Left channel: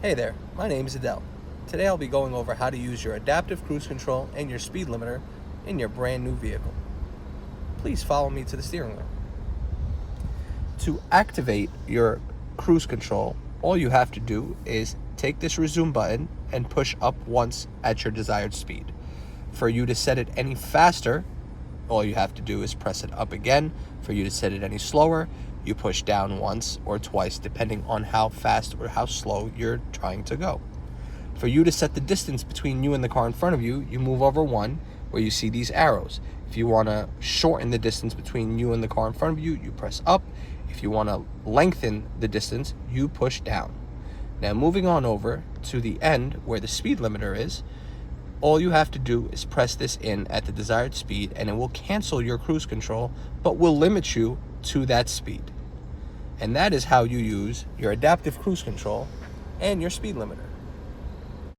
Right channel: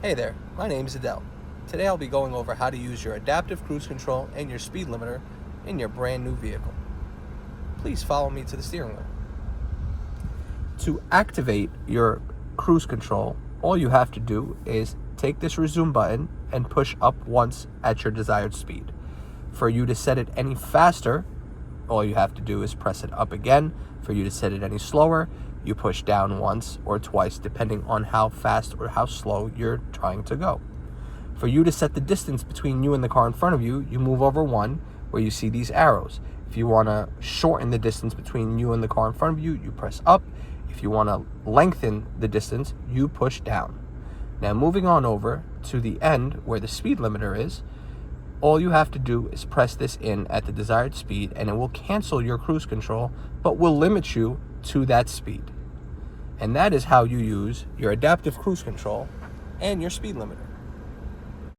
Hey there, my name is Adel. Today I'll be going over how to use your adaptive cruise control and your speed limiter in your brand new vehicle. Please follow me to the steering wheel. To activate your cruise control, all you have to do is take this resume button and push up once at your desired speed. For you to set it any faster, all you have to do is press it up again. For you to set it any slower, you push down once or twice depending on how fast or how slow you're trying to go. For you to set the distance between you and the car in front of you, you move over one where you see these arrows. If you want to shorten the distance between you and the car in front of you, you press up. If you want to lengthen the distance, you push down. Now moving on over to the end where the speed limiter is, all you have to do is press this in at the desired speed and it will cancel your cruise control, but will limit you to that speed. And that is how you use your adaptive cruise control and your speed limiter.